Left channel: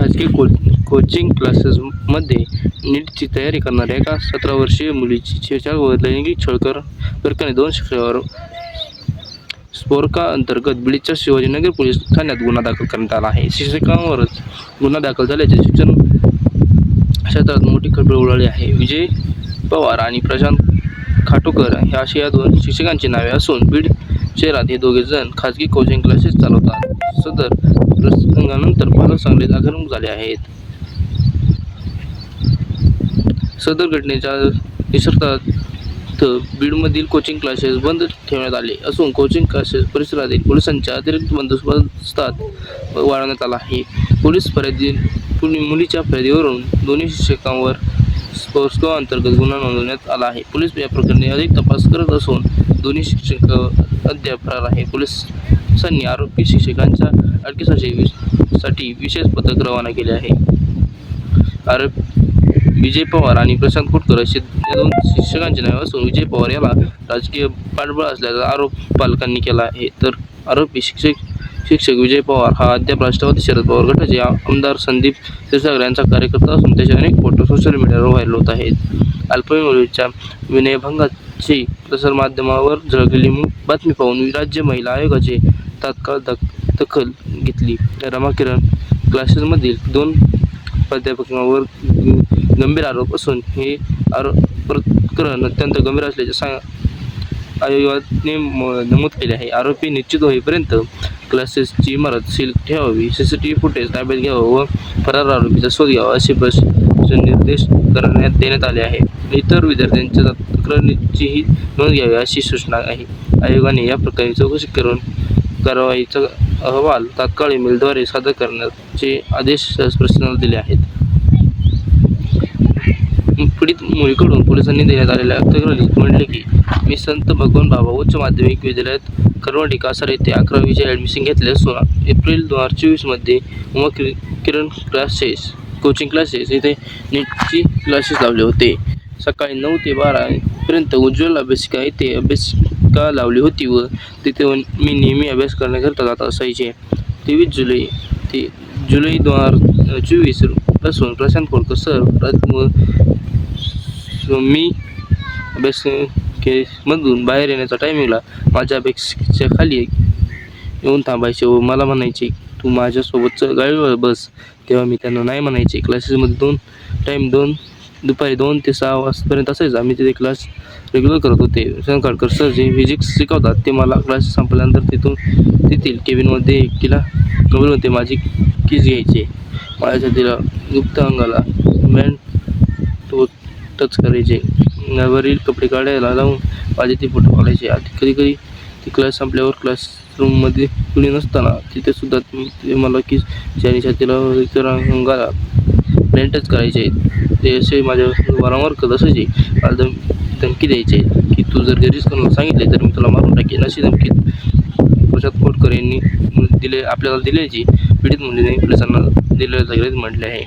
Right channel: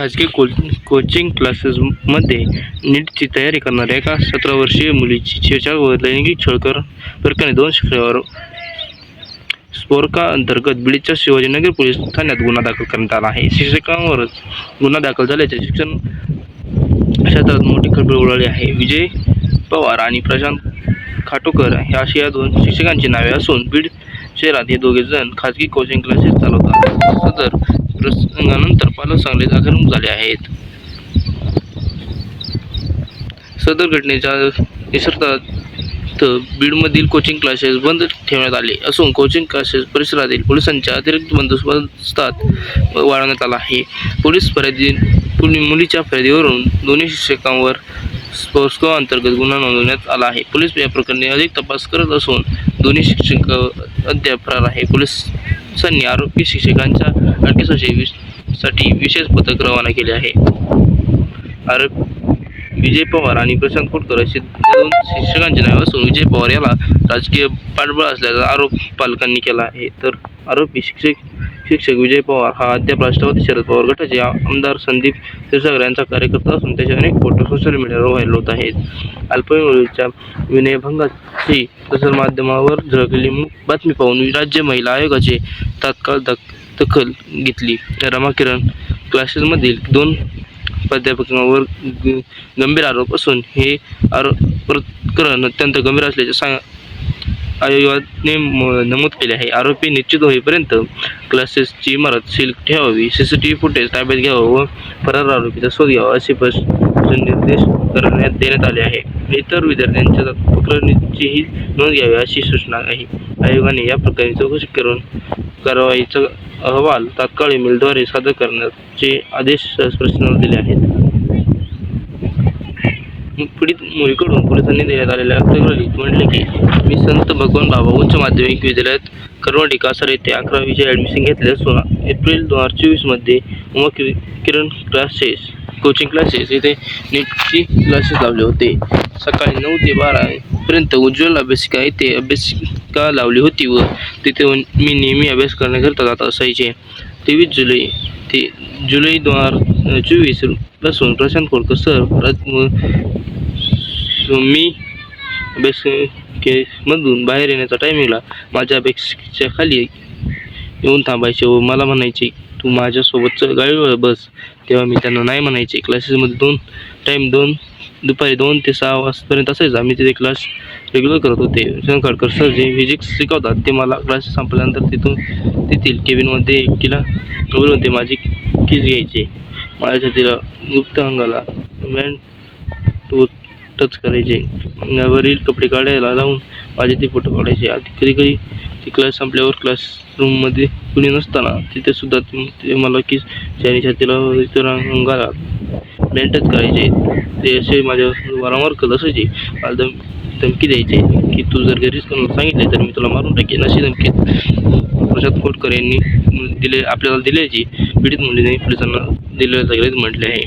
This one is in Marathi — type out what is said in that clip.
खाजगी को कोचिंग क्लासेसमध्ये नीटची तयारी करणाऱ्या एका सतरा वर्षीय मुलीची छेडछाड व लैंगिक छळकर प्रकरणी दोन शुक्रवार स्पोरका अंतर्गत बीडच्या शिवाजीनगर पोलीस ठाण्यात गुन्हा दाखल करण्यात आला आहे. शिक्षकांवरच गुन्हा दाखल झाल्याचे शिक्षण क्षेत्रात मोठी खळबळ उडाली आहे. विजय पवार आणि प्रशांत खाटोकर ह्या अशी या दोन शिक्षकांची नावे असून बीड शहरात हे दोघे जण खाजगी कोचिंग क्लासेस चालवतात. सदर प्रसंगानंतर पालक सांगलीत आक्रमक झाले आहेत. सदर घटनेच्या निसर्गात बीडमधील कोचिंग क्लासेस बंद ठेवण्यात आले असून कोचिंग क्लासेस परिसरातील पोलिसांच्या अतिरिक्त बंदोबस्तात वाढवण्यात आला आहे. पोलीस फर्यादी मुलीच्या फर्यादीवरून दोन्ही शिक्षकांवर स्पोर्ट्सको अंतर्गत गुन्हा नोंदवण्यात आला आहे. पोलीस या प्रकरणी अधिक तपास करत असून दोन्ही शिक्षक अद्याप फरार आहे पोलिसांनी आरोपी शिक्षकांच्या अटकेसाठी साठी विशेष पथक रवाना केले आहे. आरोप विजय पवार आणि प्रशांत कुटकर असे दोन शिक्षकांचे नाव असून विजय पवार याला राजकीय पाठबळ असल्याचा आरोप पालकांनी केला आहे. तर आरोपी शिक्षक शिक्षक विजय पवार हा अद्याप राष्ट्रवादी शरद पवार गटाचे आमदार संदीप क्षीरसागर यांचा कार्यकर्ता असून त्याचे अनेक फोटो सोशल मीडियावर व्हायरल होत आहेत. अल्पवयीन विनयभंगाची प्रसारमाध्यमावर झळकलेली बातमी पाहून राज्य महिला आयोगाचे तात्काळ दख दखल घेतली. रमा किरण क्लासेसमधील दोन प्राध्यापकांवर गंभीर आरोप असून हे आरोप प्रकरण अत्यंत गंभीर असल्याचे सांग आयोगाने म- नमूद केले आहे. आरोपी निश्चित होईपर्यंत क्लासेसची इमारत सील ठेवावी. C C T V footage ताब्यात घ्यावं व फरार आरोपीचा शोध घ्यावा असे बस निर्देश करण्यात देण्यात आले आहे. इतर विद्यार्थ्यांच्या तक्रारीचीही नोंद घ्यावी अशी सूचना आहे. आयोगाने या प्रकारे चौकशी करून कारवाईचा अहवाल तात्काळ ईमेलद्वारे सादर करण्याचे आदेश प्रशासनाला दिले आहेत. पीडित मुलीकडून पोलिसांनी देण्यात आलेल्या तक्रारीत म्हटले की मी संत भगवान बाबा उच्च माध्यमिक विद्यालयात करवंडी कासार येथे अकरावीचे ॲडमिशन घेतले असून एप्रिल दोन हजार चोवीसमध्ये उमा कि किरण क्लासेस कोचिंग क्लासेस इथे नीटची क्लासेस लावले होते. सकाळी नऊ ते बारापर्यंत उज्ज्वल अभ्यासिका येथे अभ्यासिका लावली होती व तिथे मी नेहमी अभ्यास करण्याकरता जात असायचे. तेवीस जुलै ते जुलै दोन हजार चोवीस पासून प्रशांत खोडकर सर. राज मी अभ्यास केसमधून बाहेर येण्याच्या टायमिंगला माझ्या अपेक्षेच्या खाली येऊन थांबायचे व मला म्हणायचे तू माझ्यासोबत गाडीवर बस. तेव्हा मी त्यांना नाही म्हणायचे. क्लासेसमध्ये दोन टाईम दोन दुपारी दोन ते सहा वाजतापर्यंत असायचा. मी तिथे क्लास रेग्युलर करत होते. शंकाळकर सर जे फिजिक्स शिकवतात ते मला क्लास संपल्यानंतर तिथून तेथील केबिनमध्ये एकटीला होते. माझी कीज घ्यायचे. माझ्या छातीला गुप्त अंगाला मॅन तो टच करायचे. अंगावरील कपडे काढायला लावून माझे ते फोटो काढायचे. आधी कधी कधी ती क्लास संपल्यावर क्लासरूममध्ये कुणी नसताना तिथे सुद्धा ते मला की आणि छातीला इतर अंगाला प्लेन टच करायचे. ते असे माझ्या वारंवार करत असायचे. मला धम धमकी द्यायचे की तू जर घरीच कोणाला सांगितले तर मी तुला मारून टाकेन अशी धमकी प्रसाद खोटकर यांनी दिले आपल्याला दिल्याची पीडित मुलीने पोलिसांना दिलेल्या सगळेच म्हटले आहे.